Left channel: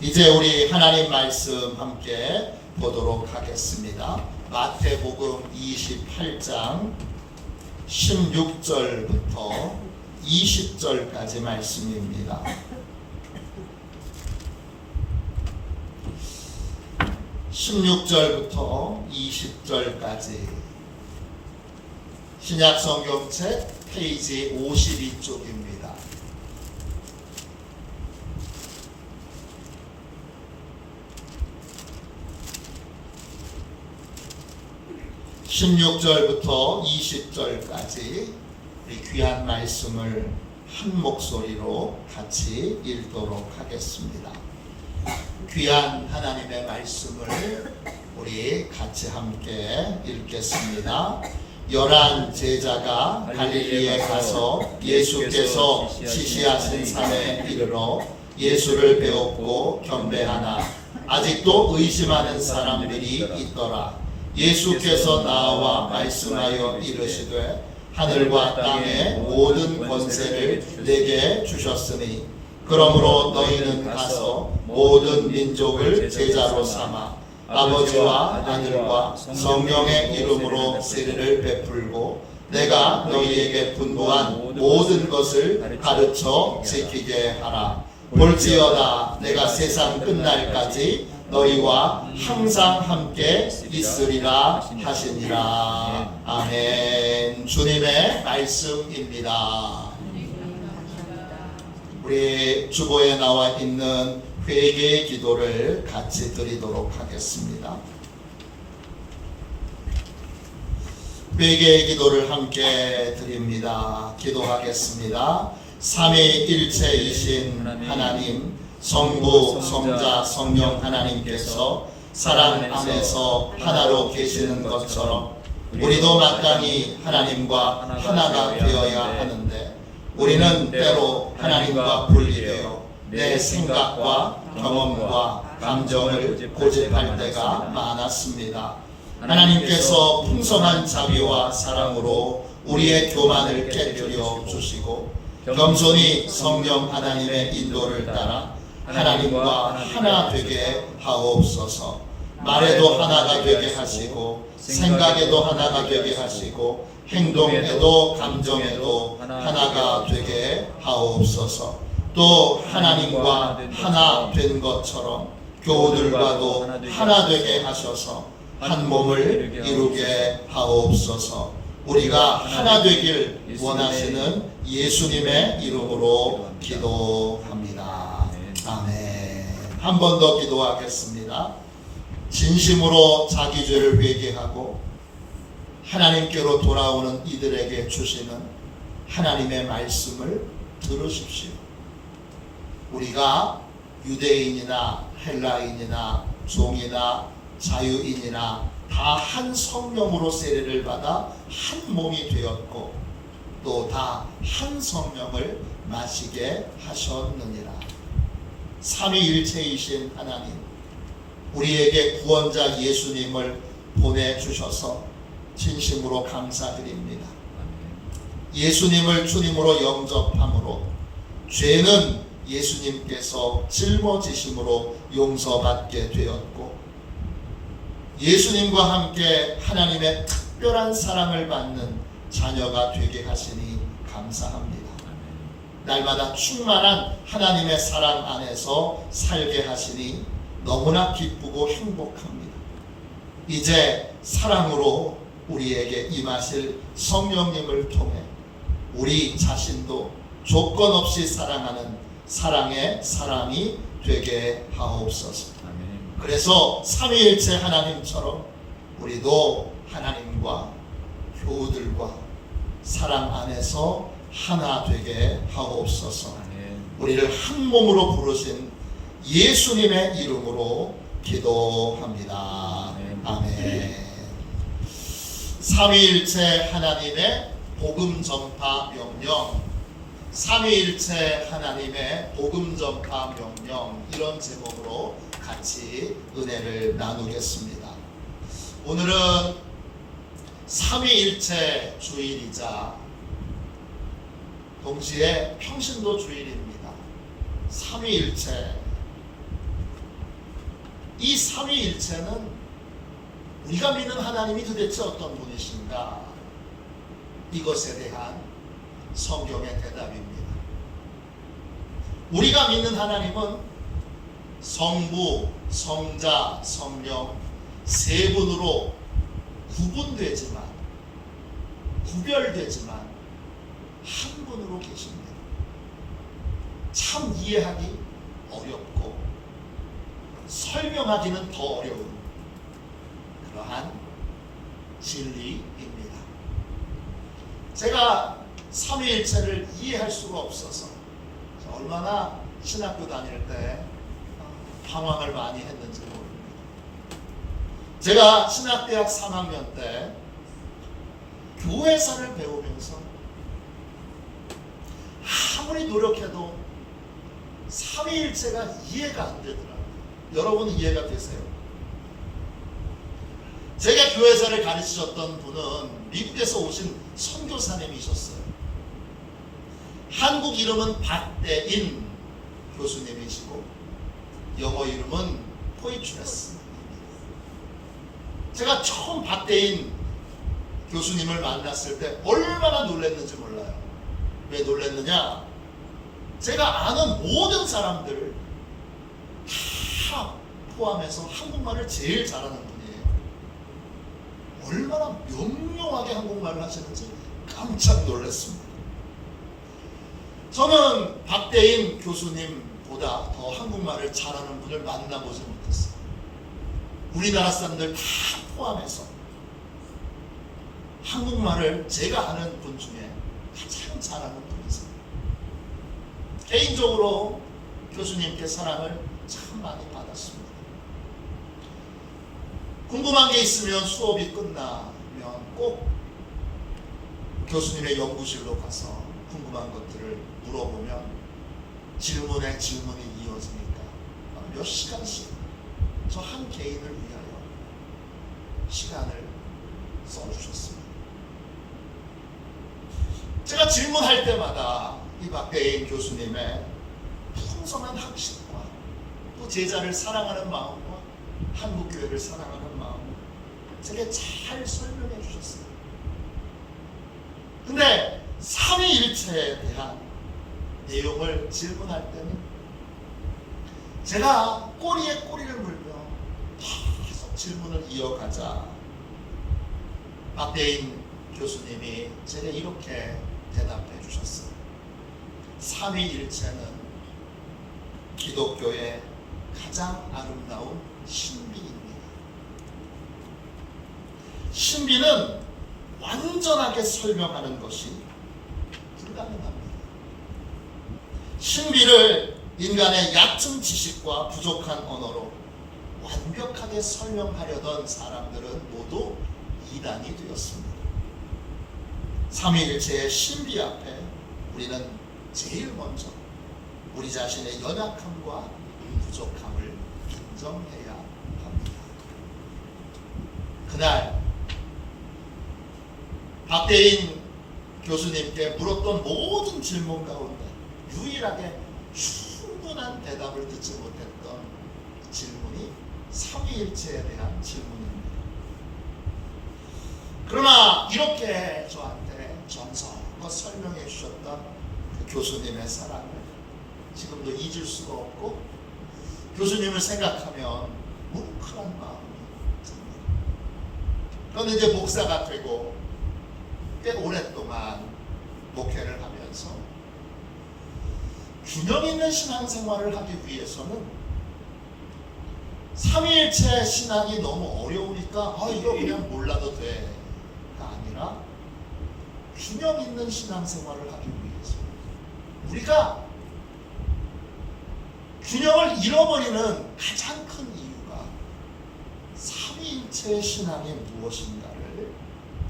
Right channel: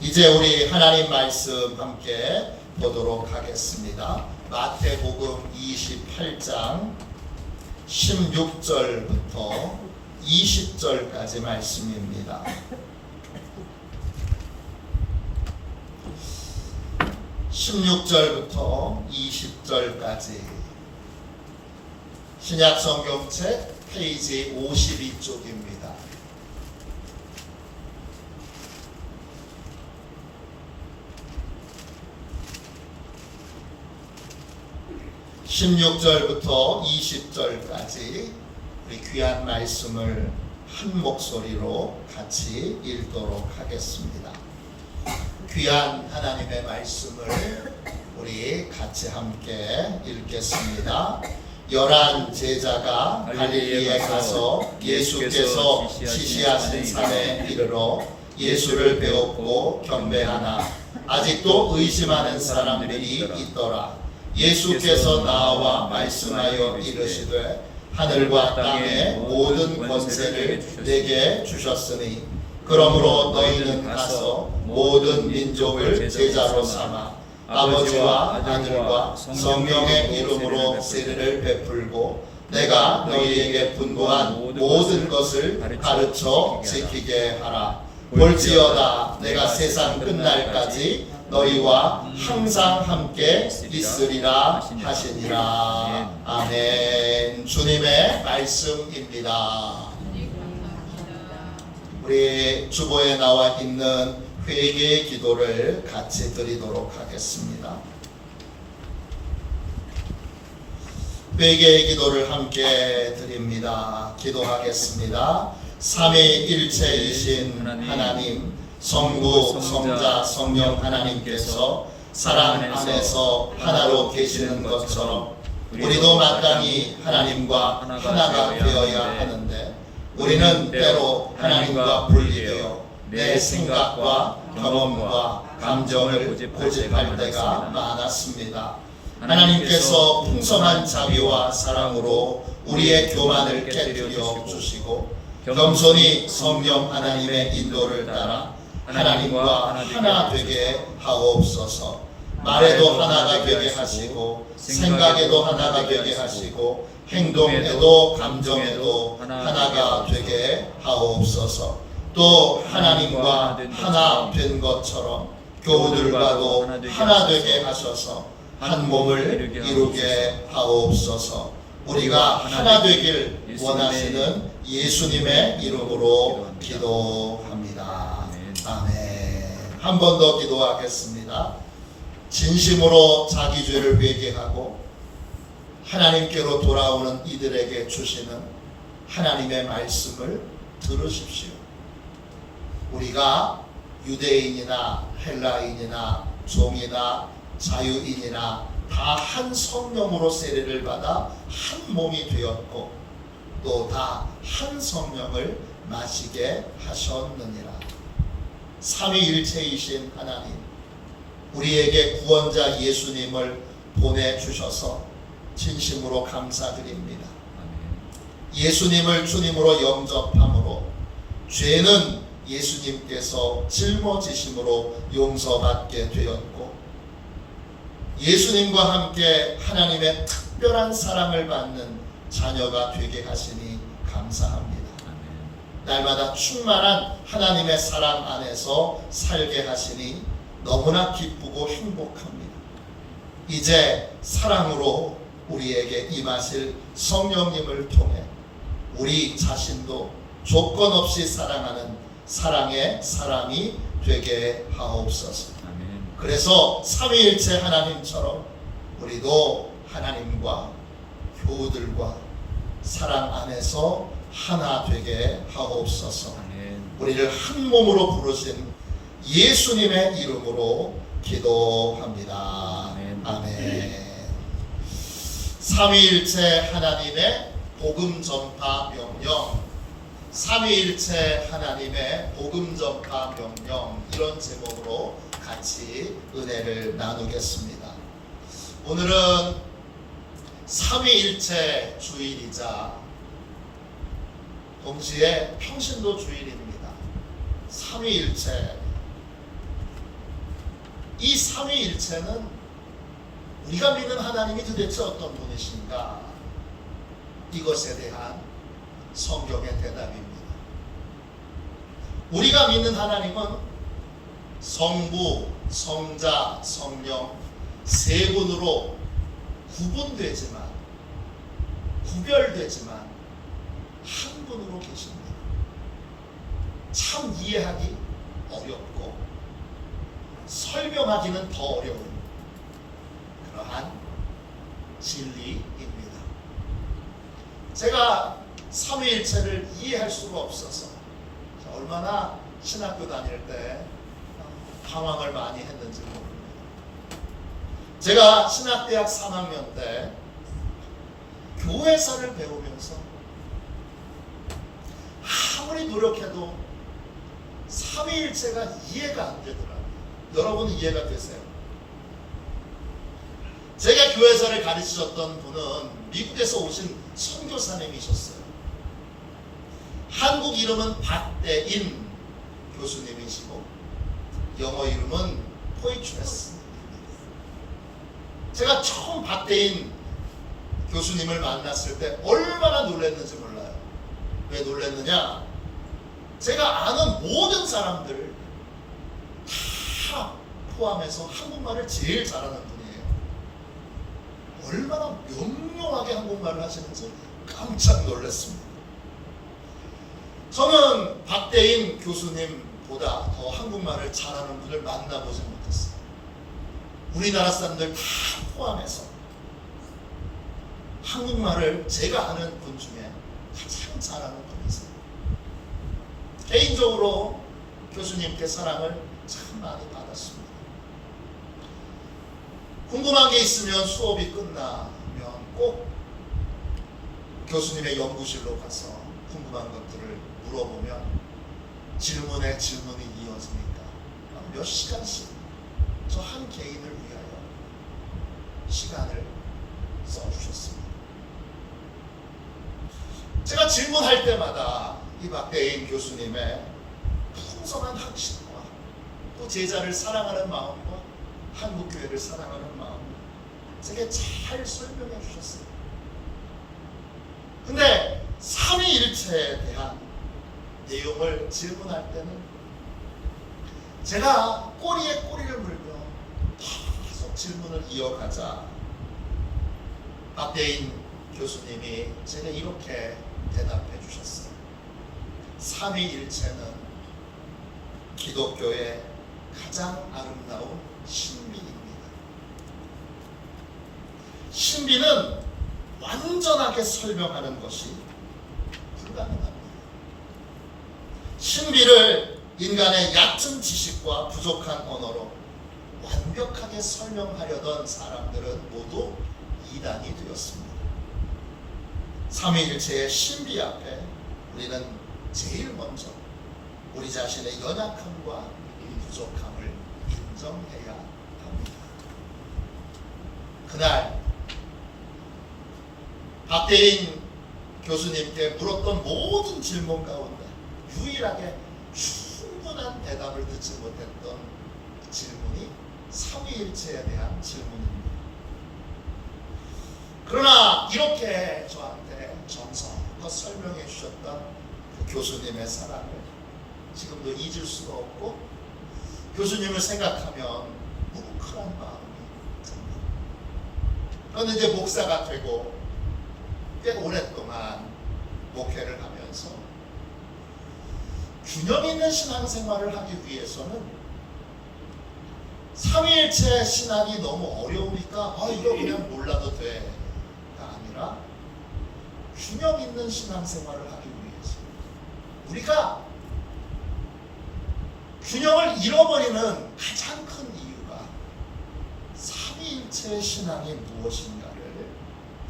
이제 우리 하나님 말씀 함께 보도록 하겠습니다. 마태복음 28장 16절부터 20절까지 말씀입니다. (16절부터) (20절까지) 신약성경책 페이지 52쪽입니다. (16절부터) (20절까지) 우리 귀한 말씀을 한 목소리로 같이 읽도록 하겠습니다. 귀한 하나님의 말씀을 우리 같이 함께 읽겠습니다. 11 제자가 갈릴리에 가서 예수께서 지시하신 산에 이르러 예수를 배웠고 경배하나 아직도 의심하는 사람들이 있더라. 예수께서 나와 말씀하여 이르시되 하늘과 땅의 모든 권세를 내게 주셨으니 그러므로 너희는 가서 모든 민족을 제자로 삼아 아버지와 아들과 성령의 이름으로 세례를 베풀고 내가 너희에게 분부한 모든 것을 가르쳐 지키게 하라. 볼지어다 내가 세상 끝날까지 너희와 항상 함께 있으리라 하시니라. 아멘. 주님의 말씀입니다. 우리 주보에 나와 있는 회개의 기도를 같이 드리도록 하겠습니다. 회개의 기도를 함께 드립니다. 기도하겠습니다. 삼위일체이신 하나님, 성부, 성자, 성령 하나님께서 사랑 안에서 하나로 계시는 것처럼 우리도 마땅히 하나님과 하나가 되어야 하는데 우리는 때로 하나님과 분리되어 내 생각과 경험과 감정을 고집할 때가 많았습니다. 하나님께서 풍성한 자비와 사랑으로 우리의 교만을 깨뜨려 주시고 겸손히 성령 하나님의 인도를 따라 하나님과 하나 되게 하옵소서. 말에도 하나가 되게 하시고 생각에도 하나가 되게 하시고 행동에도 감정에도 하나가 되게 하옵소서. 또 하나님과 하나 된 것처럼 교우들과도 하나 되게 하셔서 한 몸을 이루게 하옵소서. 우리가 하나 되길 원하시는 예수님의 이름으로 기도합니다. 아멘. 한 번 더 기도하겠습니다. 진심으로 자기 죄를 회개하고 하나님께로 돌아오는 이들에게 주시는 하나님의 말씀을 들으십시오. 우리가 유대인이나 헬라인이나 종이나 자유인이나 다 한 성령으로 세례를 받아 한 몸이 되었고 또 다 한 성령을 마시게 하셨느니라. 삼위일체이신 하나님, 우리에게 구원자 예수님을 보내주셔서 진심으로 감사드립니다. 예수님을 주님으로 영접함으로 죄는 예수님께서 짊어지심으로 용서받게 되었고 예수님과 함께 하나님의 특별한 사랑을 받는 자녀가 되게 하시니 감사합니다. 날마다 충만한 하나님의 사랑 안에서 살게 하시니 너무나 기쁘고 행복합니다. 이제 사랑으로 우리에게 임하실 성령님을 통해 우리 자신도 조건 없이 사랑하는 사랑의 사람이 되게 하옵소서. 그래서 삼위일체 하나님처럼 우리도 하나님과 교우들과 사랑 안에서 하나 되게 하옵소서. 우리를 한 몸으로 부르신 예수님의 이름으로 기도합니다. 아멘. 삼위일체 하나님의 복음 전파 명령, 삼위일체 하나님의 복음 전파 명령, 이런 제목으로 같이 은혜를 나누겠습니다. 오늘은 삼위일체 주일이자 동시에 평신도 주일입니다. 삼위일체, 이 삼위일체는 우리가 믿는 하나님이 도대체 어떤 분이신가? 이것에 대한 성경의 대답입니다. 우리가 믿는 하나님은 성부, 성자, 성령 세 분으로 구별되지만 한 분으로 계십니다. 참 이해하기 어렵고 설명하기는 더 어려운 그러한 진리입니다. 제가 삼위일체를 이해할 수가 없어서 얼마나 신학교 다닐 때 방황을 많이 했는지 모릅니다. 제가 신학대학 3학년 때 교회사를 배우면서 아무리 노력해도 삼위일체가 이해가 안 되더라고요. 여러분은 이해가 되세요? 제가 교회사를 가르치셨던 분은 미국에서 오신 선교사님이셨어요. 한국 이름은 박대인 교수님이시고 영어 이름은 포이트레스. 제가 처음 박대인 교수님을 만났을 때 얼마나 놀랐는지 몰라요. 왜 놀랐느냐? 제가 아는 모든 사람들 다 포함해서 한국말을 제일 잘하는 분이에요. 얼마나 명료하게 한국말을 하시는지 깜짝 놀랐습니다. 저는 박대인 교수님보다 더 한국말을 잘하는 분을 만나보지 못했어요. 우리나라 사람들 다 포함해서 한국말을 제가 아는 분 중에 가장 잘하는 분이세요. 개인적으로 교수님께 사랑을 참 많이 받았습니다. 궁금한 게 있으면 수업이 끝나면 꼭 교수님의 연구실로 가서 궁금한 것들을 물어보면 질문에 질문이 이어지니까 몇 시간씩 저 한 개인을 위하여 시간을 써주셨습니다. 제가 질문할 때마다 이 박대인 교수님의 풍성한 학식과 또 제자를 사랑하는 마음과 한국교회를 사랑하는 마음을 제게 잘 설명해 주셨어요. 근데 삼위일체에 대한 내용을 질문할 때는 제가 꼬리에 꼬리를 물며 계속 질문을 이어가자 박대인 교수님이 제게 이렇게 대답해 주셨어요. 삼위일체는 기독교의 가장 아름다운 신비입니다. 신비는 완전하게 설명하는 것이 불가능합니다. 신비를 인간의 얕은 지식과 부족한 언어로 완벽하게 설명하려던 사람들은 모두 이단이 되었습니다. 삼위일체의 신비 앞에 우리는 제일 먼저 우리 자신의 연약함과 부족함을 인정해야 합니다. 그날 박대인 교수님께 물었던 모든 질문 가운데 유일하게 충분한 대답을 듣지 못했던 질문이 삼위일체에 대한 질문입니다. 그러나 이렇게 저한테 정성껏 설명해 주셨던 그 교수님의 사랑을 지금도 잊을 수가 없고 교수님을 생각하면 뭉클한 마음이 듭니다. 그런데 이제 목사가 되고 꽤 오랫동안 목회를 하면서 균형 있는 신앙생활을 하기 위해서는 삼위일체 신앙이 너무 어려우니까 이거 그냥 몰라도 돼가 아니라 균형 있는 신앙생활을 하기 위해서 우리가 균형을 잃어버리는 가장 큰 이유가 삼위일체의 신앙이 무엇인가를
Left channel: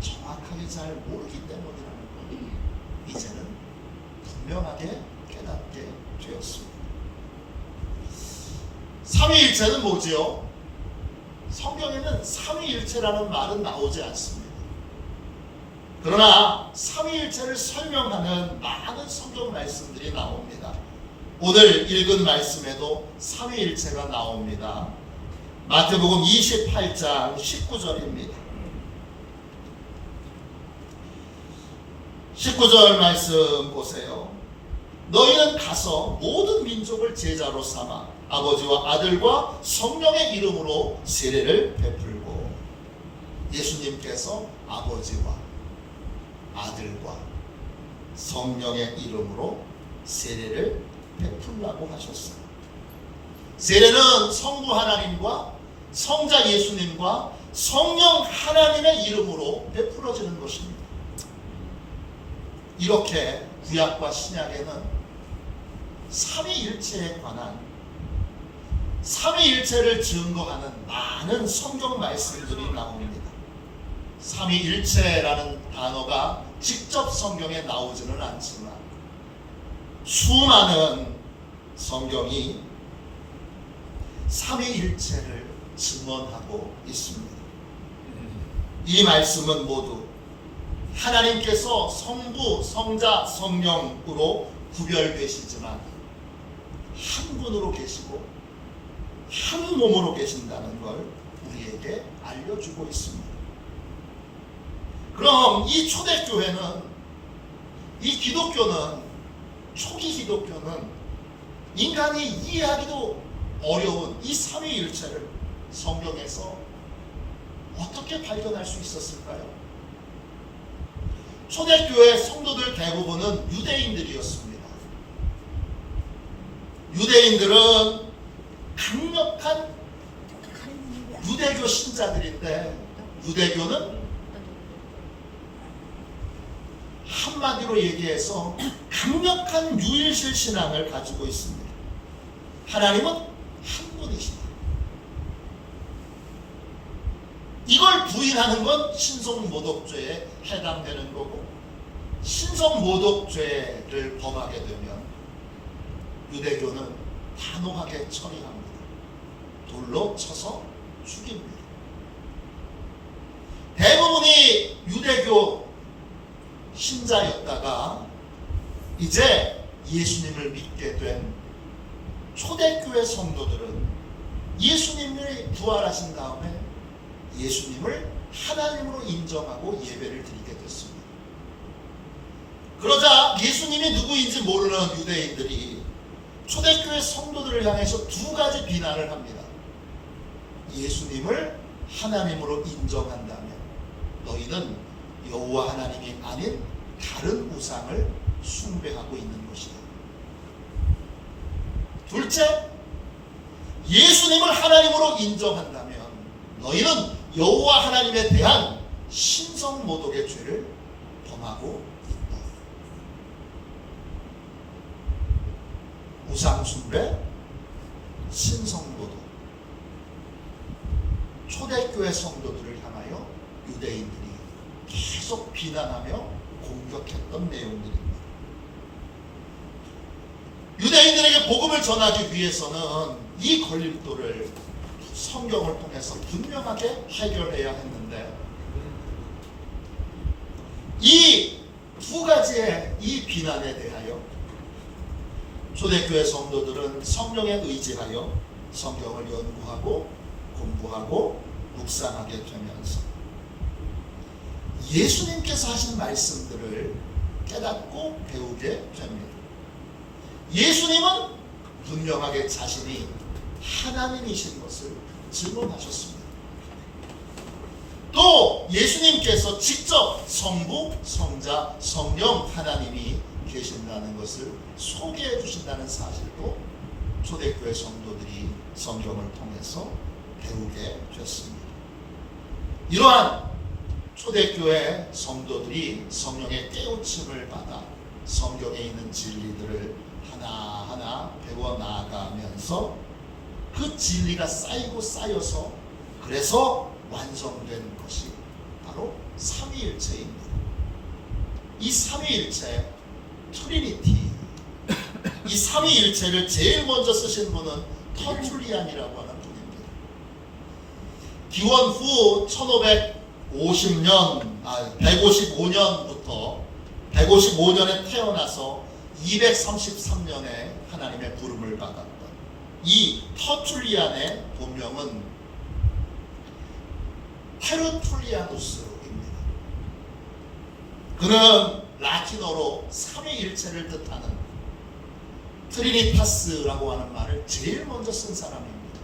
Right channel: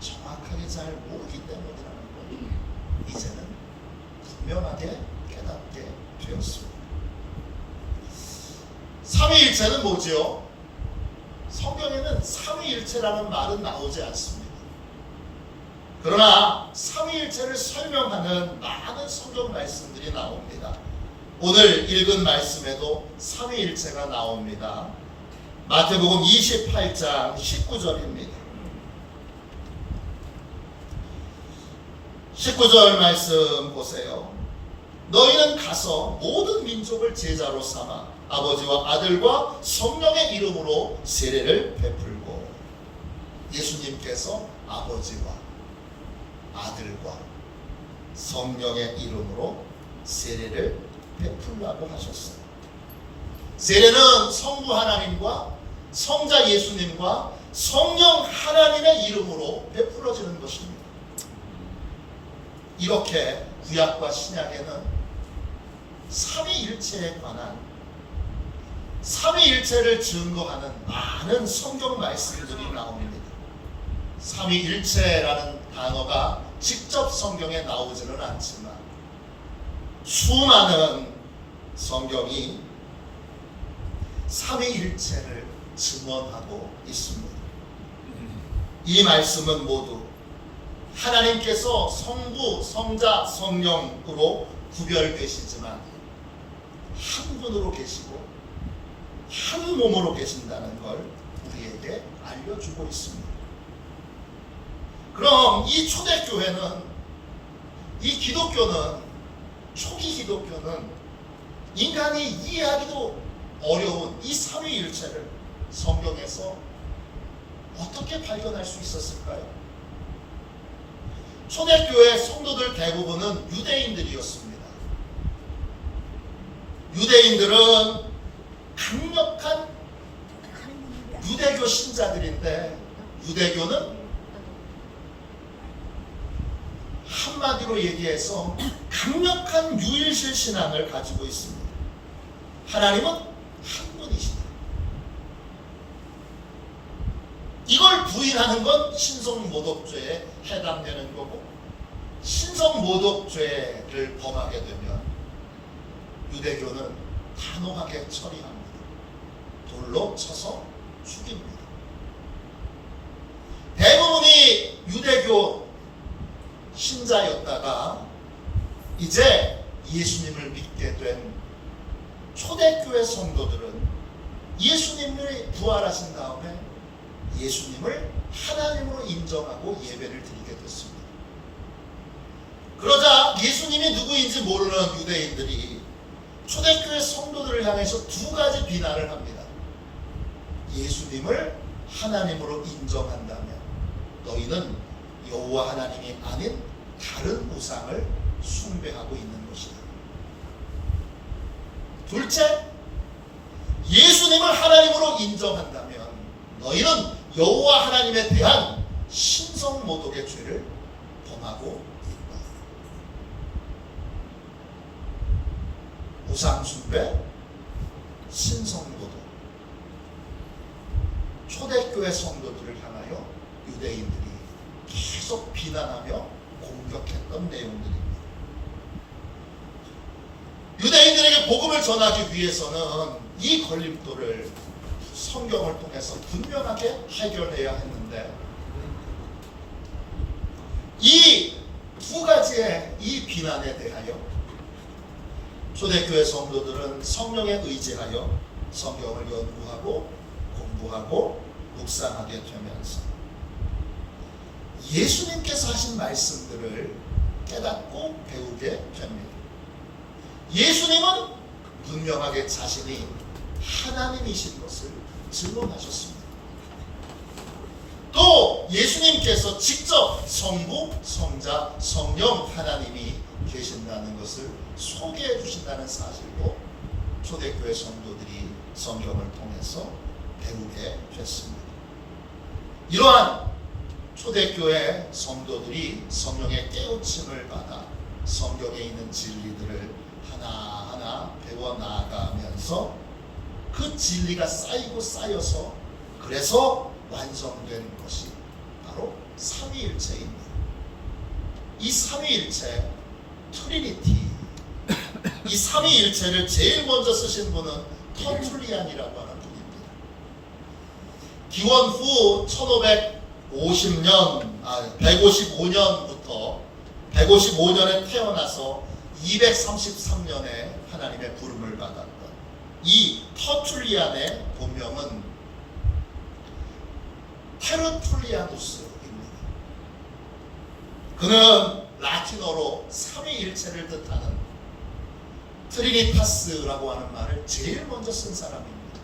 정확하게 잘 모르기 때문이라는 걸 이제는 분명하게 깨닫게 되었습니다. 삼위일체는 뭐지요? 성경에는 삼위일체라는 말은 나오지 않습니다. 그러나 삼위일체를 설명하는 많은 성경 말씀들이 나옵니다. 오늘 읽은 말씀에도 삼위일체가 나옵니다. 마태복음 28장 19절입니다. 19절 말씀 보세요. 너희는 가서 모든 민족을 제자로 삼아 아버지와 아들과 성령의 이름으로 세례를 베풀고. 예수님께서 아버지와 아들과 성령의 이름으로 세례를 베풀라고 하셨어요. 세례는 성부 하나님과 성자 예수님과 성령 하나님의 이름으로 베풀어지는 것입니다. 이렇게 구약과 신약에는 삼위일체에 관한 삼위일체를 증거하는 많은 성경 말씀들이 나옵니다. 삼위일체라는 단어가 직접 성경에 나오지는 않지만 수많은 성경이 삼위일체를 증언하고 있습니다. 이 말씀은 모두 하나님께서 성부, 성자, 성령으로 구별되시지만 한 분으로 계시고 한 몸으로 계신다는 걸 우리에게 알려주고 있습니다. 그럼 이 초대교회는, 이 기독교는, 초기 기독교는 인간이 이해하기도 어려운 이 삼위일체를 성경에서 어떻게 발견할 수 있었을까요? 초대교회 성도들 대부분은 유대인들이었습니다. 유대인들은 강력한 유대교 신자들인데, 유대교는 한마디로 얘기해서 강력한 유일신 신앙을 가지고 있습니다. 하나님은 한 분이시다. 이걸 부인하는 건 신성모독죄에 해당되는 거고, 신성모독죄를 범하게 되면 유대교는 단호하게 처리합니다. 돌로 쳐서 죽입니다. 대부분이 유대교 신자였다가 이제 예수님을 믿게 된 초대교회 성도들은 예수님을 부활하신 다음에 예수님을 하나님으로 인정하고 예배를 드리게 됐습니다. 그러자 예수님이 누구인지 모르는 유대인들이 초대교회 성도들을 향해서 두 가지 비난을 합니다. 예수님을 하나님으로 인정한다면 너희는 여호와 하나님이 아닌 다른 우상을 숭배하고 있는 것이다. 둘째, 예수님을 하나님으로 인정한다면 너희는 여호와 하나님에 대한 신성모독의 죄를 범하고 있다. 우상숭배, 신성모독. 초대교회 성도들을 향하여 유대인들이 계속 비난하며 공격했던 내용들입니다. 유대인들에게 복음을 전하기 위해서는 이 걸림돌을 성경을 통해서 분명하게 해결해야 했는데, 이 두 가지의 이 비난에 대하여 초대교회 성도들은 성령에 의지하여 성경을 연구하고 공부하고 묵상하게 되면서 예수님께서 하신 말씀들을 깨닫고 배우게 됩니다. 예수님은 분명하게 자신이 하나님이신 것을 증언하셨습니다. 또 예수님께서 직접 성부, 성자, 성령 하나님이 계신다는 것을 소개해 주신다는 사실도 초대교회 성도들이 성경을 통해서 배우게 됐습니다. 이러한 초대교회 성도들이 성령의 깨우침을 받아 성경에 있는 진리들을 하나하나 배워 나아가면서 그 진리가 쌓이고 쌓여서 그래서 완성된 것이 바로 삼위일체입니다. 이 삼위일체, 트리니티, 이 삼위일체를 제일 먼저 쓰신 분은 터툴리안이라고 하는 분입니다. 기원 후 155년부터 155년에 태어나서 233년에 하나님의 부름을 받았던 이 터툴리안의 본명은 테르툴리아누스입니다. 그는 라틴어로 삼위일체를 뜻하는 트리니타스라고 하는 말을 제일 먼저 쓴 사람입니다.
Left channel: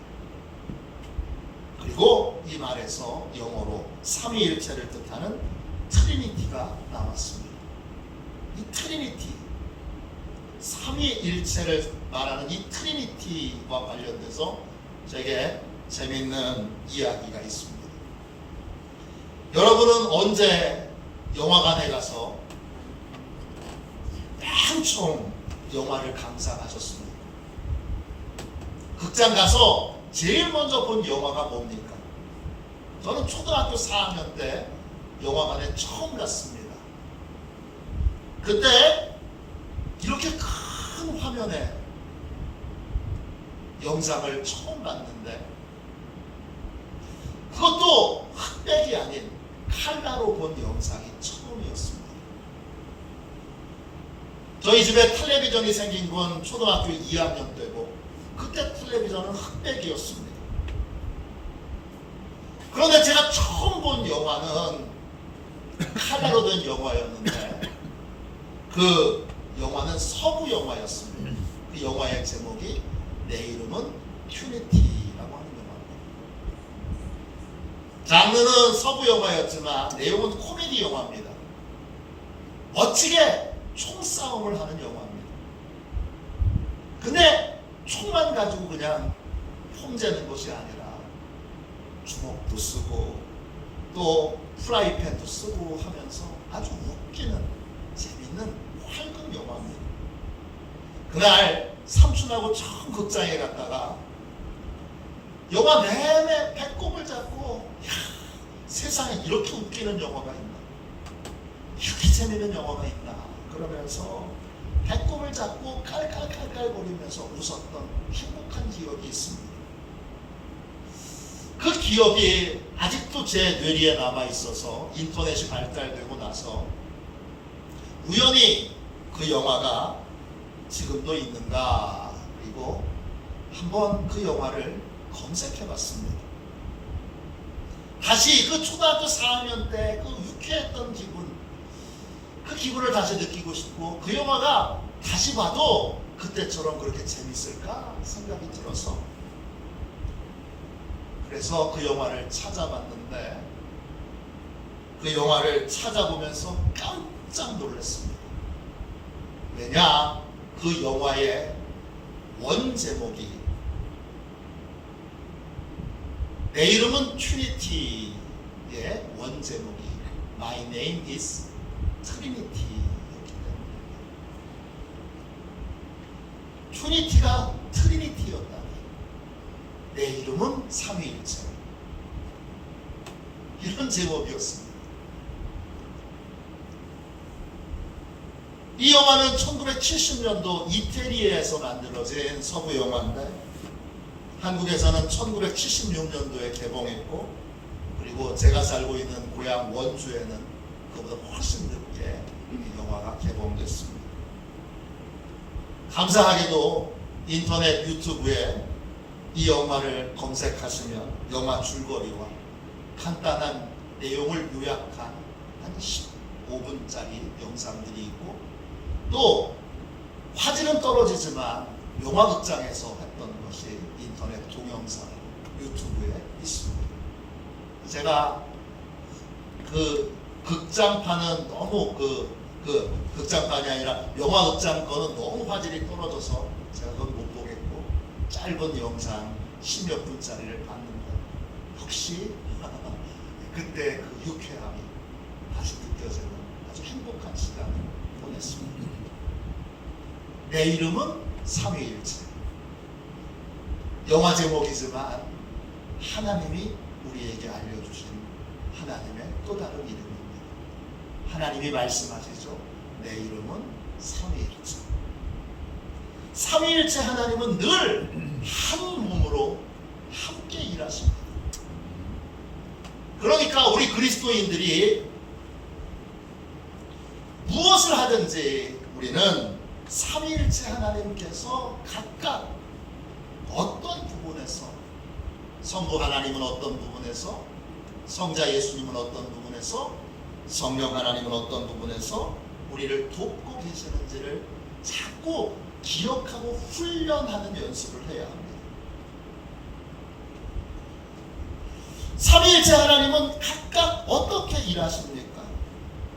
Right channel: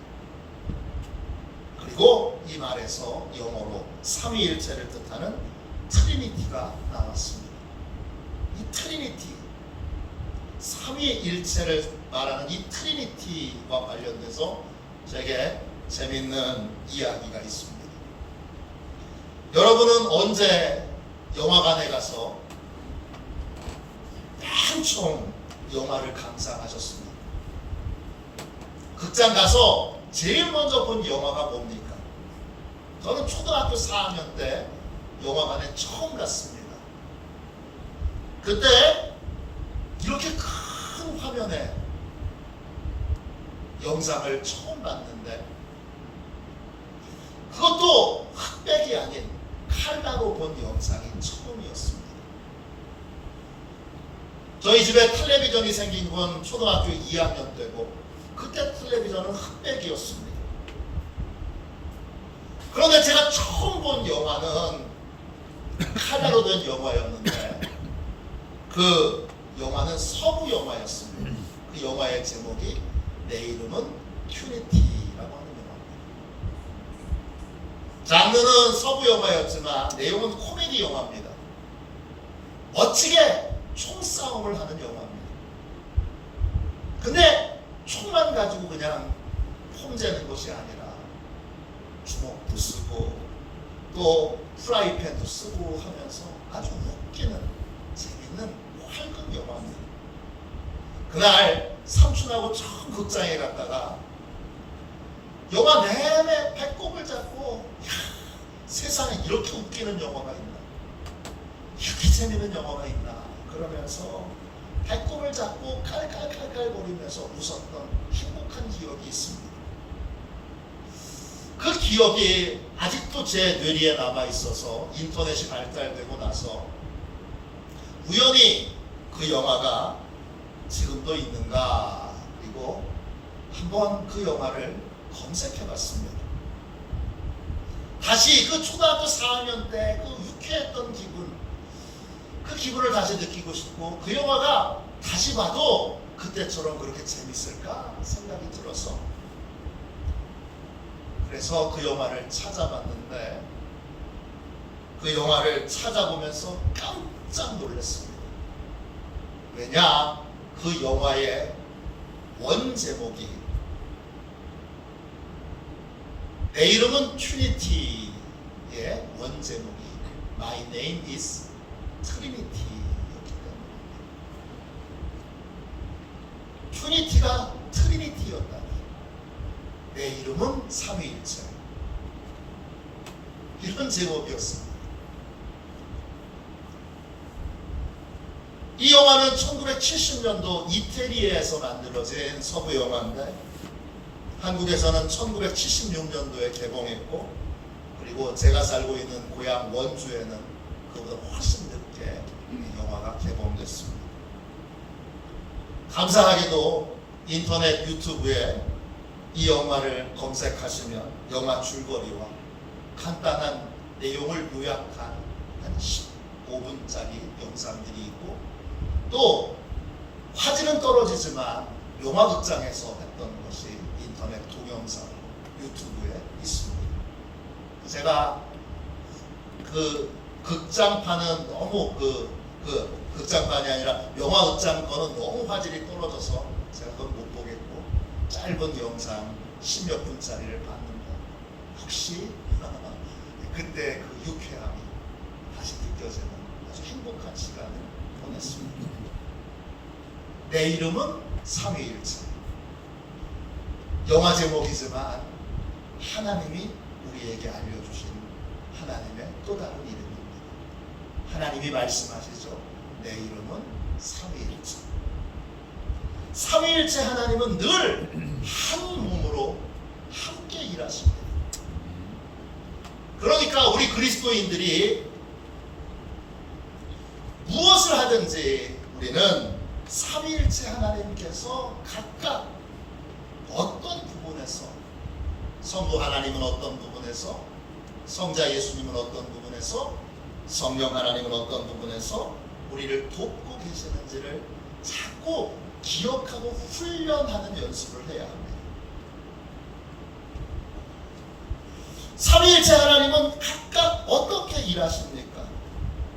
그리고 이 말에서 영어로 삼위일체를 뜻하는 트리니티가 나왔습니다. 이 트리니티, 삼위일체를 말하는 이 트리니티와 관련돼서 제게 재미있는 이야기가 있습니다. 여러분은 언제 영화관에 가서 한총 영화를 감상하셨습니까? 극장 가서 제일 먼저 본 영화가 뭡니까? 저는 초등학교 4학년 때 영화관에 처음 갔습니다. 그때 이렇게 큰 화면에 영상을 처음 봤는데, 그것도 흑백이 아닌 칼라로 본 영상이 처음이었습니다. 저희 집에 텔레비전이 생긴 건 초등학교 2학년 때고, 그때 텔레비전은 흑백이었습니다. 그런데 제가 처음 본 영화는 칼라로 된 영화였는데, 그 영화는 서부 영화였습니다. 그 영화의 제목이 내 이름은 튜니티라고 하는 영화입니다. 장르는 서부 영화였지만 내용은 코미디 영화입니다. 멋지게 총싸움을 하는 영화입니다. 근데 총만 가지고 그냥 폼재는 것이 아니라 주먹도 쓰고 또 프라이팬도 쓰고 하면서 아주 웃기는 재밌는 활극 영화입니다. 그날 삼촌하고 처음 극장에 갔다가 영화 내내 배꼽을 잡고, 세상에 이렇게 웃기는 영화가 있나, 이렇게 재밌는 영화가 있나 그러면서 배꼽을 잡고 깔깔깔깔거리면서 웃었던 행복한 기억이 있습니다. 그 기억이 아직도 제 뇌리에 남아있어서 인터넷이 발달되고 나서 우연히 그 영화가 지금도 있는가, 그리고 한번 그 영화를 검색해봤습니다. 다시 그 초등학교 4학년 때 그 유쾌했던 기분, 그 기분을 다시 느끼고 싶고, 그 영화가 다시 봐도 그때처럼 그렇게 재밌을까 생각이 들어서, 그래서 그 영화를 찾아봤는데, 그 영화를 찾아보면서 깜짝 놀랐습니다. 왜냐, 그 영화의 원 제목이 내 이름은 튜니티의 원 제목이 My name is Trinity였기 때문입니다. 튜니티가 트리니티였다니, 내 이름은 삼위일체, 이런 제목이었습니다. 이 영화는 1970년도 이태리에서 만들어진 서부 영화인데, 한국에서는 1976년도에 개봉했고, 그리고 제가 살고 있는 고향 원주에는 그보다 훨씬 늦게 영화가 개봉됐습니다. 감사하게도 인터넷 유튜브에 이 영화를 검색하시면 영화 줄거리와 간단한 내용을 요약한 한 15분짜리 영상들이 있고, 또 화질은 떨어지지만 영화극장에서 했던 것이 인터넷 동영상 유튜브에 있습니다. 제가 그 극장판은 너무 그 극장판이 아니라 영화극장 거는 너무 화질이 떨어져서 제가 그건 못 보겠고, 짧은 영상 10몇 분짜리를 봤는데 혹시 그때 그 유쾌함이 다시 느껴지는 아주 행복한 시간을 보냈습니다. 내 이름은 삼위일체. 영화 제목이지만 하나님이 우리에게 알려주신 하나님의 또 다른 이름입니다. 하나님이 말씀하시죠. 내 이름은 삼위일체. 삼위일체 하나님은 늘 한 몸으로 함께 일하십니다. 그러니까 우리 그리스도인들이 무엇을 하든지 우리는 삼위일체 하나님께서 각각 어떤 부분에서, 성부 하나님은 어떤 부분에서, 성자 예수님은 어떤 부분에서, 성령 하나님은 어떤 부분에서 우리를 돕고 계시는지를 자꾸 기억하고 훈련하는 연습을 해야 합니다. 삼위일체 하나님은 각각 어떻게 일하십니까?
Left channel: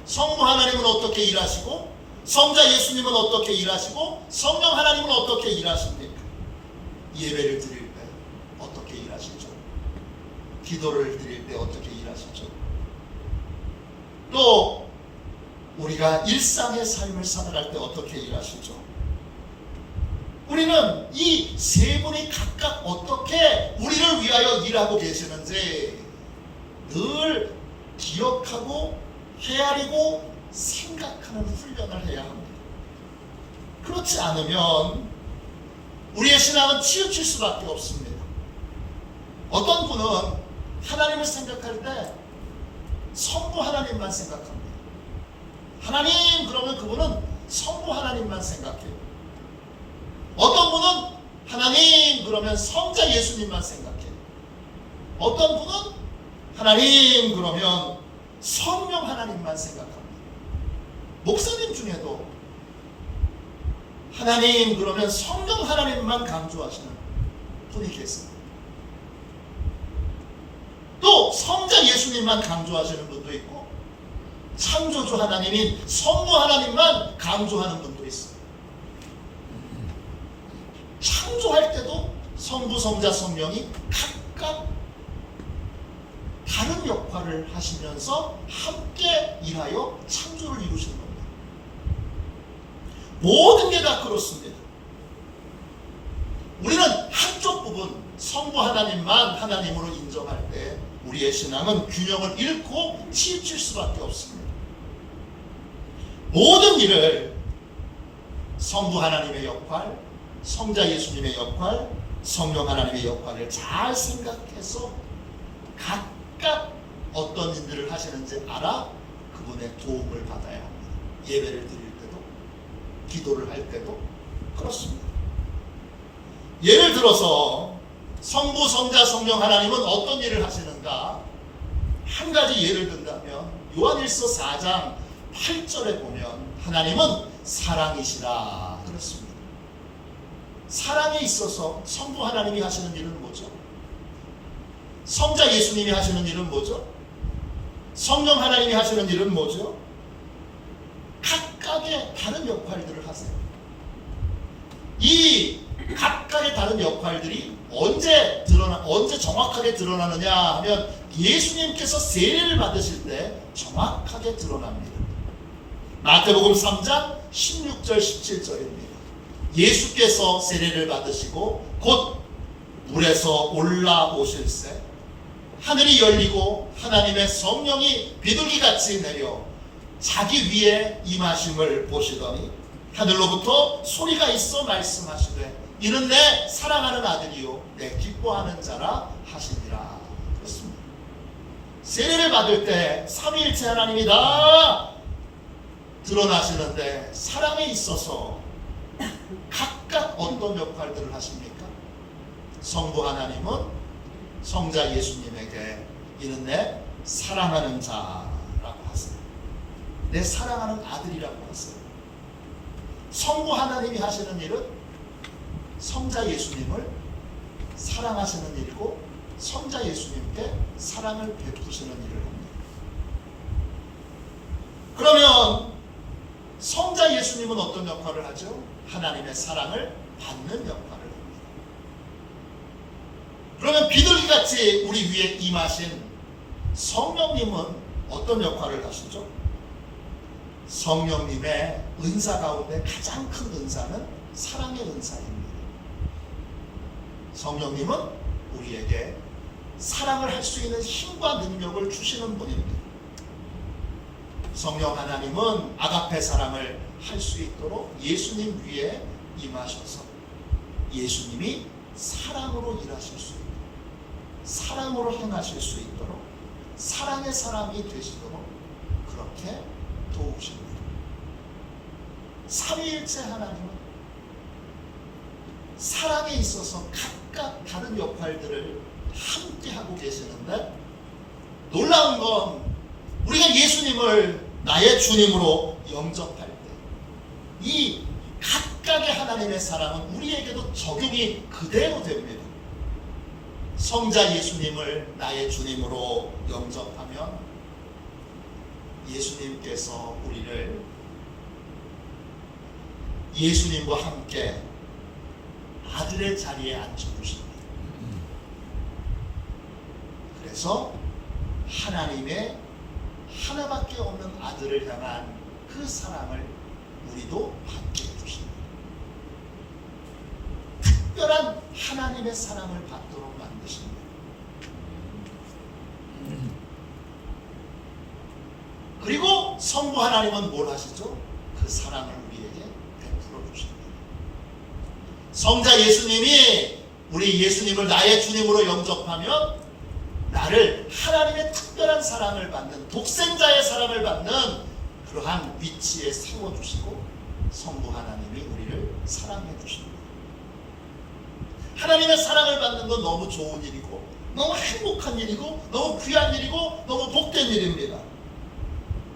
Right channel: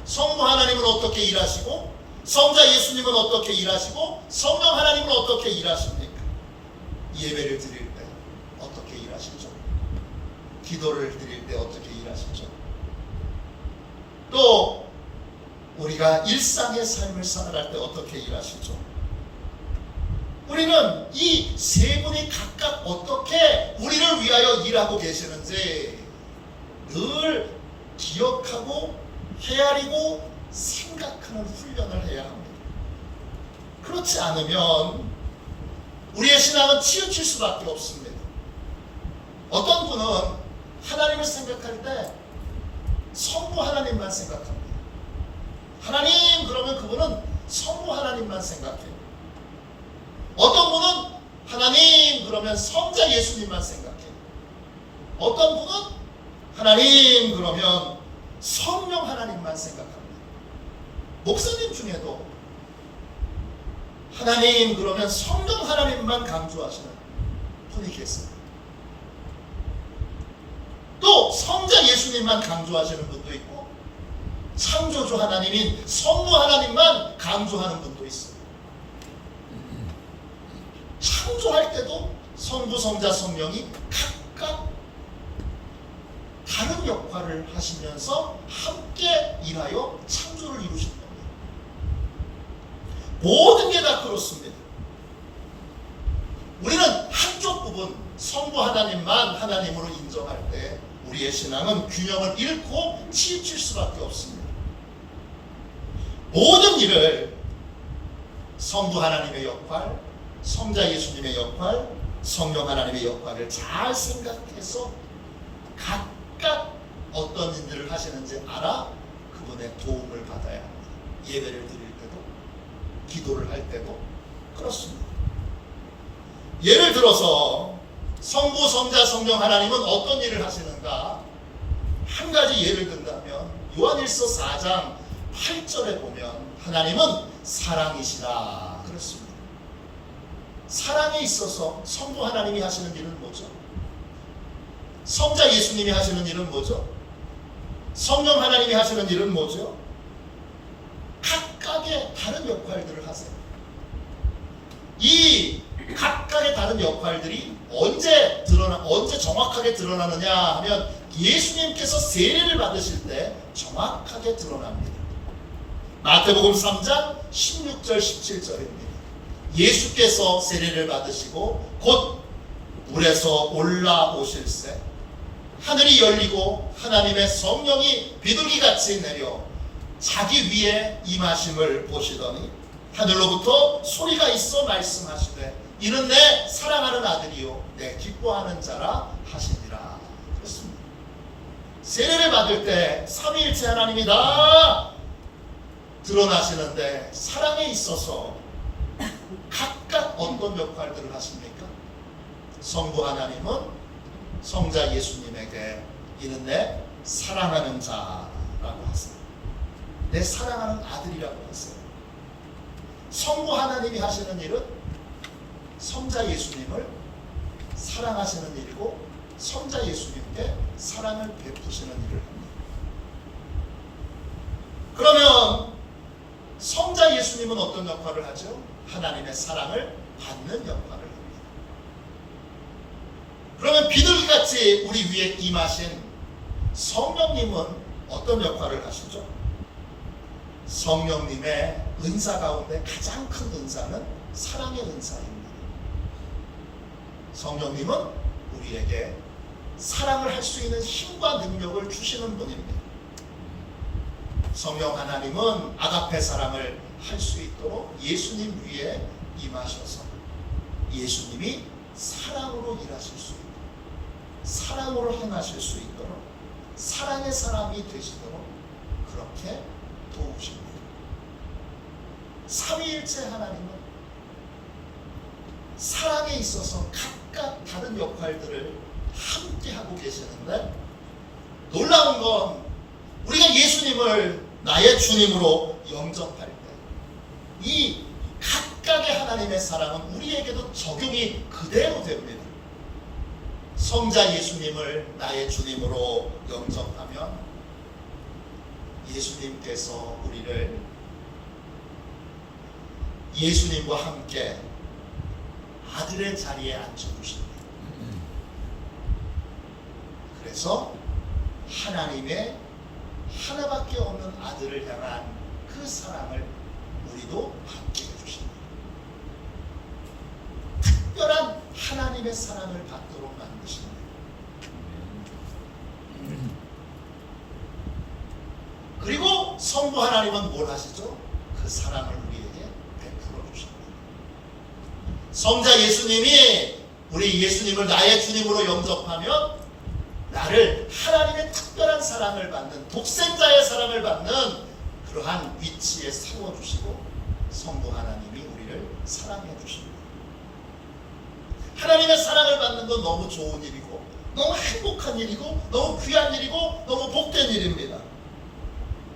성부 하나님은 어떻게 일하시고, 성자 예수님은 어떻게 일하시고, 성령 하나님은 어떻게 일하십니까? 예배를 드릴 때 어떻게 일하시죠? 기도를 드릴 때 어떻게 일하시죠? 또 우리가 일상의 삶을 살아갈 때 어떻게 일하시죠? 우리는 이 세 분이 각각 어떻게 우리를 위하여 일하고 계시는지 늘 기억하고 헤아리고 생각하는 훈련을 해야 합니다. 그렇지 않으면 우리의 신앙은 치우칠 수밖에 없습니다. 어떤 분은 하나님을 생각할 때 성부 하나님만 생각합니다. 하나님 그러면 그분은 성부 하나님만 생각해요. 어떤 분은 하나님 그러면 성자 예수님만 생각해요. 어떤 분은 하나님 그러면 성령 하나님만 생각합니다. 목사님 중에도 하나님 그러면 성령 하나님만 강조하시는 분이 계세요. 또 성자 예수님만 강조하시는 분도 있고, 창조주 하나님인 성부 하나님만 강조하는 분도 있어요. 창조할 때도 성부, 성자, 성령이 각각 다른 역할을 하시면서 함께 일하여 창조를 이루시는 겁니다. 모든 게 다 그렇습니다. 우리는 한쪽 부분 성부 하나님만 하나님으로 인정할 때 우리의 신앙은 균형을 잃고 치우칠 수밖에 없습니다. 모든 일을 성부 하나님의 역할, 성자 예수님의 역할, 성령 하나님의 역할을 잘 생각해서 각각 어떤 일들을 하시는지 알아 그분의 도움을 받아야 합니다. 예배를 드릴 때도, 기도를 할 때도 그렇습니다. 예를 들어서 성부, 성자, 성령 하나님은 어떤 일을 하시는가? 한 가지 예를 든다면 요한일서 4장 8절에 보면 하나님은 사랑이시라 그렇습니다. 사랑에 있어서 성부 하나님이 하시는 일은 뭐죠? 성자 예수님이 하시는 일은 뭐죠? 성령 하나님이 하시는 일은 뭐죠? 각각의 다른 역할들을 하세요. 이 각각의 다른 역할들이 언제 정확하게 드러나느냐 하면 예수님께서 세례를 받으실 때 정확하게 드러납니다. 마태복음 3장 16절 17절입니다. 예수께서 세례를 받으시고 곧 물에서 올라오실새 하늘이 열리고 하나님의 성령이 비둘기같이 내려 자기 위에 임하심을 보시더니 하늘로부터 소리가 있어 말씀하시되 이는 내 사랑하는 아들이요 내 기뻐하는 자라 하시니라. 그렇습니다. 세례를 받을 때 삼위일체 하나님이 다 드러나시는데 사랑에 있어서 각각 어떤 역할들을 하십니까? 성부 하나님은 성자 예수님에게 이는 내 사랑하는 자라고 하세요. 내 사랑하는 아들이라고 하세요. 성부 하나님이 하시는 일은 성자 예수님을 사랑하시는 일이고 성자 예수님께 사랑을 베푸시는 일을 합니다. 그러면 성자 예수님은 어떤 역할을 하죠? 하나님의 사랑을 받는 역할을 합니다. 그러면 비둘기같이 우리 위에 임하신 성령님은 어떤 역할을 하시죠? 성령님의 은사 가운데 가장 큰 은사는 사랑의 은사입니다. 성령님은 우리에게 사랑을 할 수 있는 힘과 능력을 주시는 분입니다. 성령 하나님은 아가페 사랑을 할 수 있도록 예수님 위에 임하셔서 예수님이 사랑으로 일하실 수 있도록 사랑으로 행하실 수 있도록 사랑의 사람이 되시도록 그렇게 도우십니다. 삼위일체 하나님은 사랑에 있어서 각각 다른 역할들을 함께 하고 계시는데 놀라운 건 우리가 예수님을 나의 주님으로 영접할 때 이 각각의 하나님의 사랑은 우리에게도 적용이 그대로 됩니다. 성자 예수님을 나의 주님으로 영접하면 예수님께서 우리를 예수님과 함께 아들의 자리에 앉혀주십니다. 그래서 하나님의 하나밖에 없는 아들을 향한 그 사랑을 우리도 받게 해주십니다. 특별한 하나님의 사랑을 받도록 만드십니다. 그리고 성부 하나님은 뭘 하시죠? 그 사랑을 우리에게 베풀어 주십니다. 성자 예수님이 우리 예수님을 나의 주님으로 영접하면 나를 하나님의 특별한 사랑을 받는, 독생자의 사랑을 받는 그러한 위치에 세워주시고 성부 하나님이 우리를 사랑해 주십니다. 하나님의 사랑을 받는 건 너무 좋은 일이고 너무 행복한 일이고 너무 귀한 일이고 너무 복된 일입니다.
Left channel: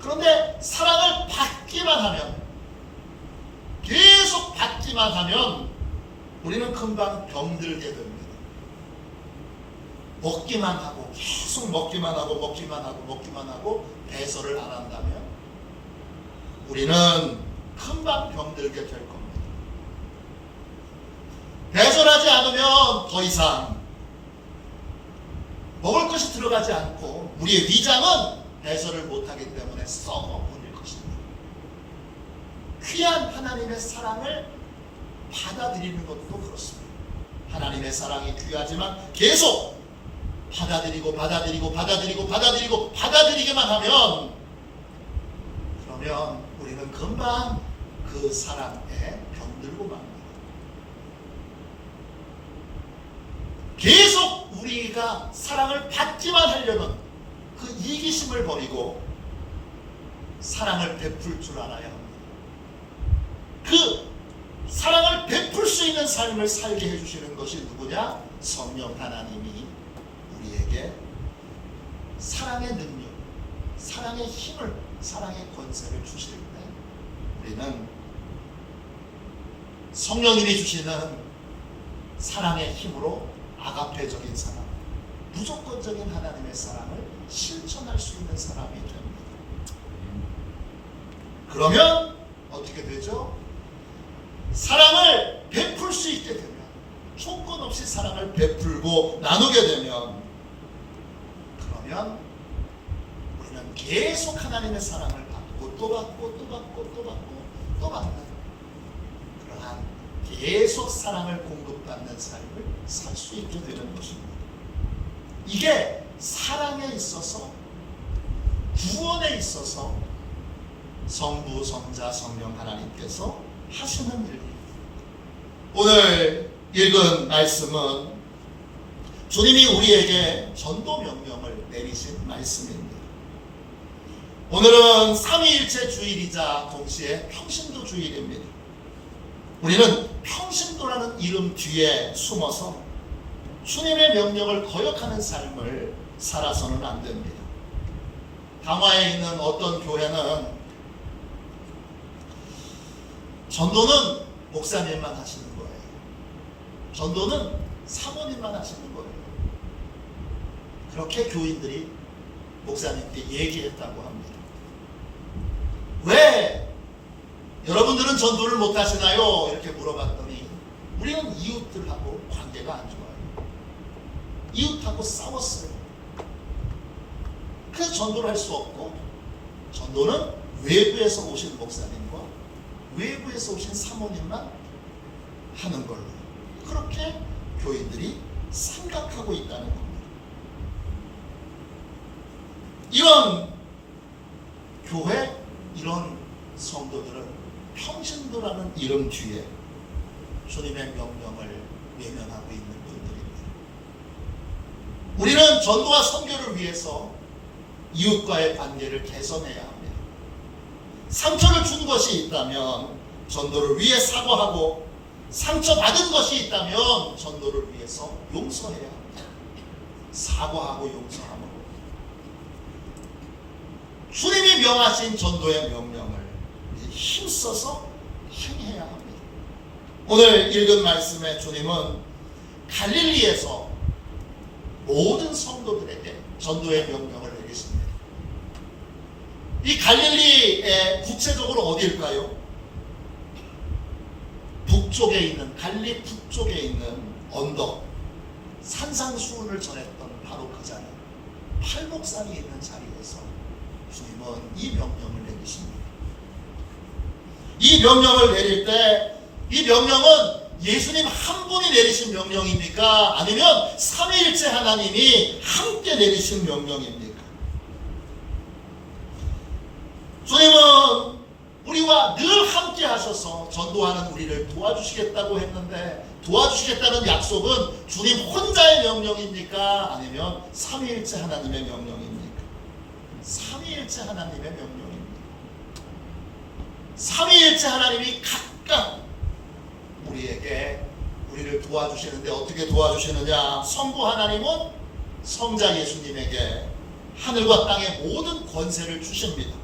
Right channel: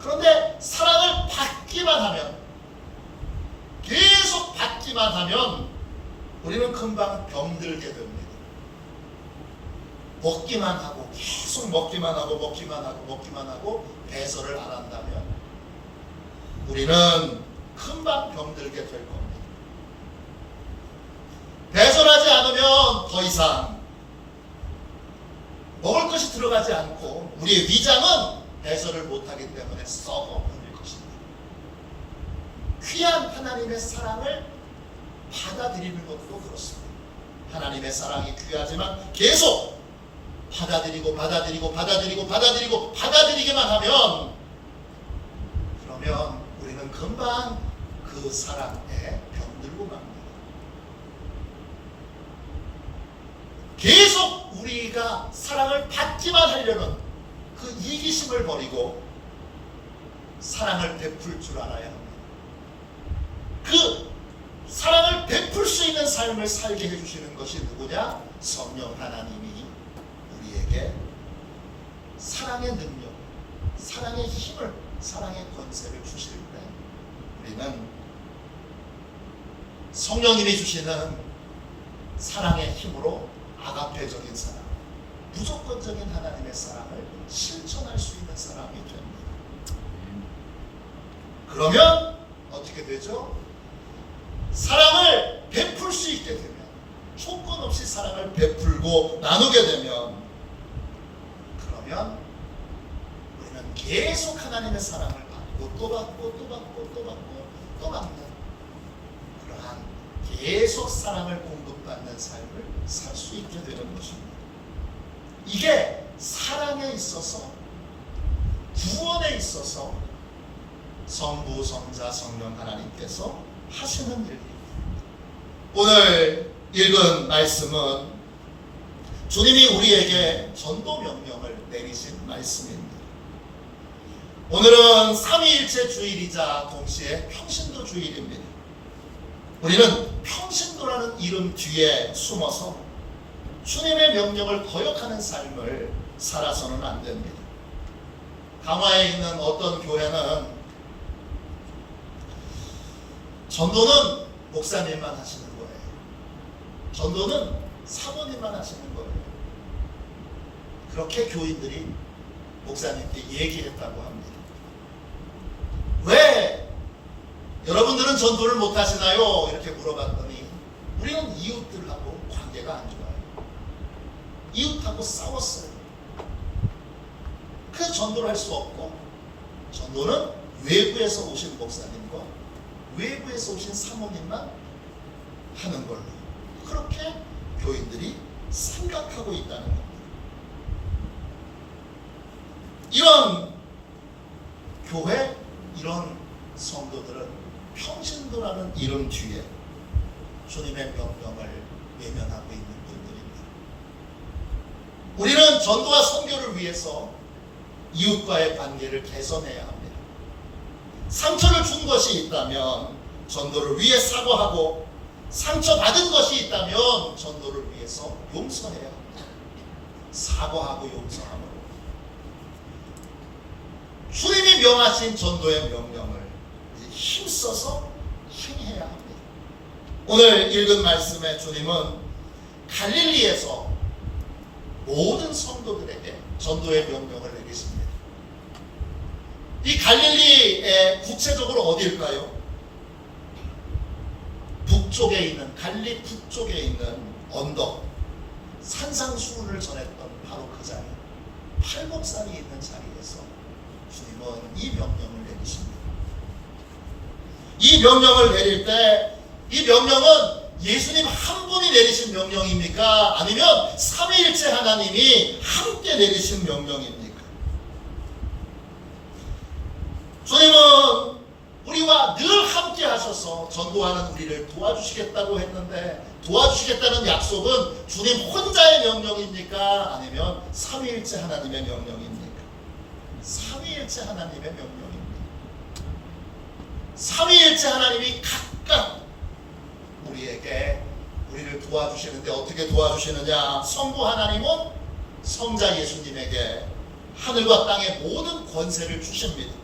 그런데 사랑을 받기만 하면, 계속 받기만 하면 우리는 금방 병들게 됩니다. 먹기만 하고 계속 먹기만 하고 배설을 안 한다면 우리는 금방 병들게 될 겁니다. 배설하지 않으면 더 이상 먹을 것이 들어가지 않고 우리의 위장은 배설을 못하기 때문에 썩어버릴 것입니다. 귀한 하나님의 사랑을 받아들이는 것도 그렇습니다. 하나님의 사랑이 귀하지만 계속 받아들이기만 하면, 그러면 우리는 금방 그 사랑에 병들고 맙니다. 계속 우리가 사랑을 받기만 하려면 그 이기심을 버리고 사랑을 베풀 줄 알아야 합니다. 그 사랑을 베풀 수 있는 삶을 살게 해주시는 것이 누구냐? 성령 하나님이 우리에게 사랑의 능력, 사랑의 힘을, 사랑의 권세를 주실 때 우리는 성령님이 주시는 사랑의 힘으로 아가페적인 사랑, 무조건적인 하나님의 사랑을 실천할 수 있는 사람이 됩니다. 그러면 어떻게 되죠? 사랑을 베풀 수 있게 되면, 조건 없이 사랑을 베풀고 나누게 되면, 그러면 우리는 계속 하나님의 사랑을 받고 또 받는 그러한 계속 사랑을 공급받는 삶을 살 수 있게 되는 것입니다. 이게 사랑에 있어서, 구원에 있어서 성부, 성자, 성령 하나님께서 하시는 일입니다. 오늘 읽은 말씀은 주님이 우리에게 전도 명령을 내리신 말씀입니다. 오늘은 삼위일체 주일이자 동시에 평신도 주일입니다. 우리는 평신도라는 이름 뒤에 숨어서 주님의 명령을 거역하는 삶을 살아서는 안 됩니다. 강화에 있는 어떤 교회는 전도는 목사님만 하시는 거예요. 전도는 사모님만 하시는 거예요. 그렇게 교인들이 목사님께 얘기했다고 합니다. 왜 여러분들은 전도를 못 하시나요? 이렇게 물어봤더니 우리는 이웃들하고 관계가 안 좋아요. 이웃하고 싸웠어요. 그래서 전도를 할 수 없고, 전도는 외부에서 오신 목사님과 외부에서 오신 사모님만 하는 걸로, 그렇게 교인들이 생각하고 있다는 겁니다. 이런 교회, 이런 성도들은 평신도라는 이름 뒤에 주님의 명령을 외면하고 있는 분들입니다. 우리는 전도와 선교를 위해서 이웃과의 관계를 개선해야 합니다. 상처를 준 것이 있다면 전도를 위해 사과하고, 상처받은 것이 있다면 전도를 위해서 용서해야 합니다. 사과하고 용서함으로 주님이 명하신 전도의 명령을 힘써서 행해야 합니다. 오늘 읽은 말씀에 주님은 갈릴리에서 모든 성도들에게 전도의 명령을 내리십니다. 이 갈릴리의 구체적으로 어디일까요? 북쪽에 있는, 갈릴리 북쪽에 있는 언덕, 산상수훈을 전했던 바로 그 자리, 팔복산이 있는 자리에서 주님은 이 명령을 내리십니다. 이 명령을 내릴 때 이 명령은 예수님 한 분이 내리신 명령입니까? 아니면 삼위일체 하나님이 함께 내리신 명령입니까? 주님은 우리와 늘 함께 하셔서 전도하는 우리를 도와주시겠다고 했는데, 도와주시겠다는 약속은 주님 혼자의 명령입니까? 아니면 삼위일체 하나님의 명령입니까? 삼위일체 하나님의 명령입니다. 삼위일체 하나님이 각각 우리를 도와주시는데 어떻게 도와주시느냐? 성부 하나님은 성자 예수님에게 하늘과 땅의 모든 권세를 주십니다.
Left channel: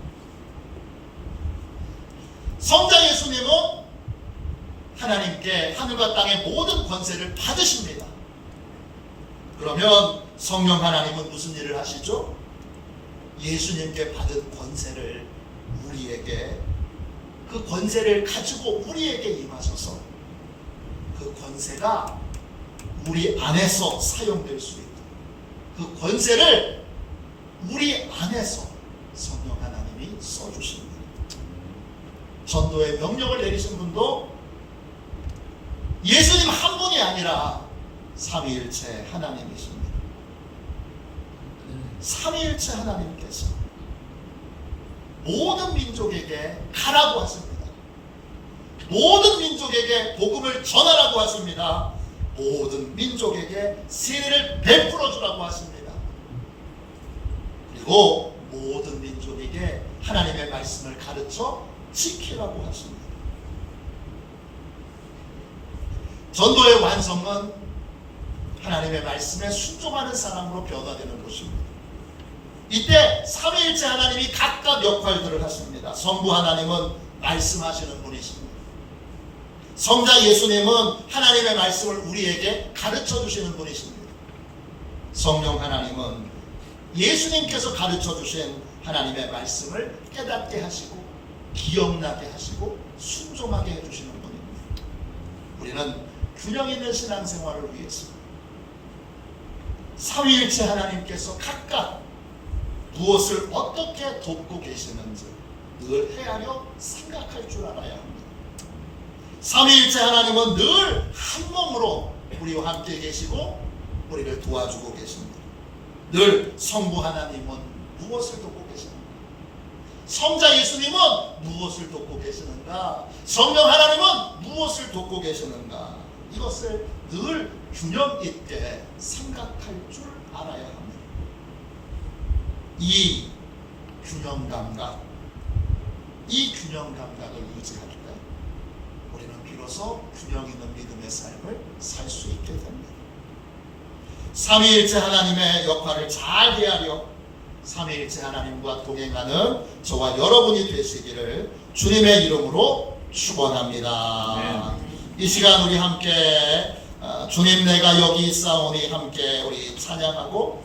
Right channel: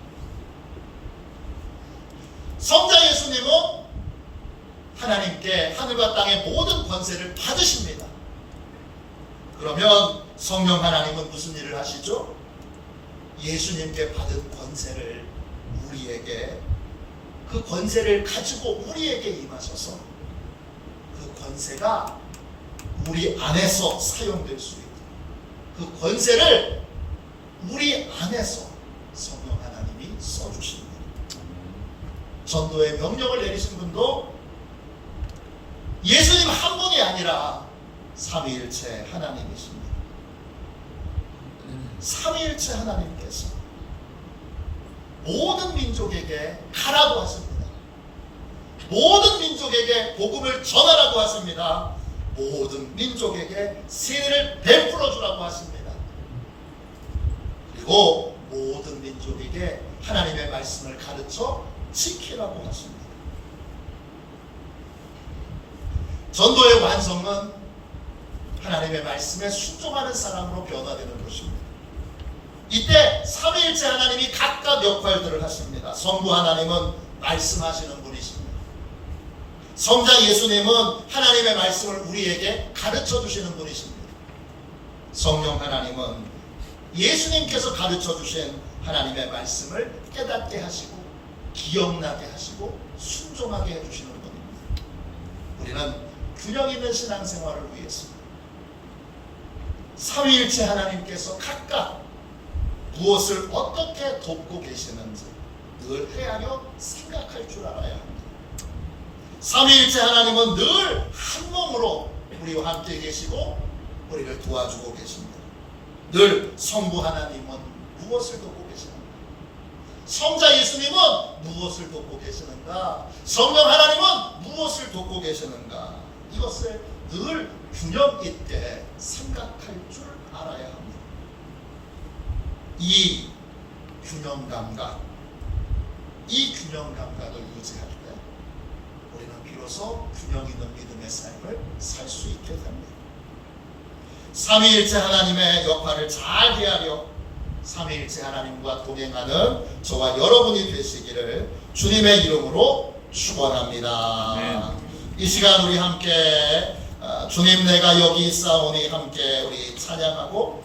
성자 예수님은 하나님께 하늘과 땅의 모든 권세를 받으십니다. 그러면 성령 하나님은 무슨 일을 하시죠? 예수님께 받은 권세를 우리에게, 그 권세를 가지고 우리에게 임하셔서 그 권세가 우리 안에서 사용될 수 있도록, 그 권세를 우리 안에서 성령 하나님이 써주십니다. 전도의 명령을 내리신 분도 예수님 한 분이 아니라 삼위일체 하나님이십니다. 삼위일체 하나님께서 모든 민족에게 가라고 하십니다. 모든 민족에게 복음을 전하라고 하십니다. 모든 민족에게 세례를 베풀어 주라고 하십니다. 그리고 모든 민족에게 하나님의 말씀을 가르쳐 지키라고 하십니다. 전도의 완성은 하나님의 말씀에 순종하는 사람으로 변화되는 것입니다. 이때 삼위일체 하나님이 각각 역할들을 하십니다. 성부 하나님은 말씀하시는 분이십니다. 성자 예수님은 하나님의 말씀을 우리에게 가르쳐 주시는 분이십니다. 성령 하나님은 예수님께서 가르쳐 주신 하나님의 말씀을 깨닫게 하시고 기억나게 하시고 순종하게 해주시는 분입니다. 우리는 균형 있는 신앙생활을 위해서 삼위일체 하나님께서 각각 무엇을 어떻게 돕고 계시는지 늘 헤아려 생각할 줄 알아야 합니다. 삼위일체 하나님은 늘 한 몸으로 우리와 함께 계시고 우리를 도와주고 계십니다. 늘 성부 하나님은 무엇을 돕고 계시는가? 성자 예수님은 무엇을 돕고 계시는가? 성령 하나님은 무엇을 돕고 계시는가? 이것을 늘 균형 있게 생각할 줄 알아야 합니다. 이 균형 감각을 유지할 때 우리는 비로소 균형 있는 믿음의 삶을 살 수 있게 됩니다. 삼위일체 하나님의 역할을 잘 헤아려 삼위일체 하나님과 동행하는 저와 여러분이 되시기를 주님의 이름으로 축원합니다. 이 시간 우리 함께 주님 내가 여기 있사오니 함께 우리 찬양하고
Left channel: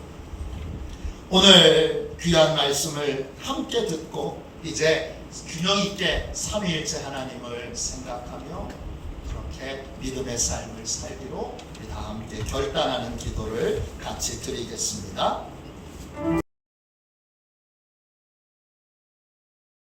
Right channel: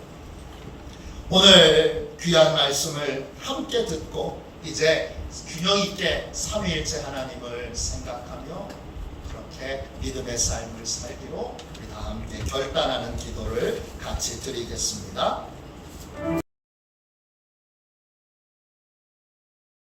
오늘 귀한 말씀을 함께 듣고 이제 균형 있게 삼위일체 하나님을 생각하며 그렇게 믿음의 삶을 살기로 우리 다 함께 결단하는 기도를 같이 드리겠습니다.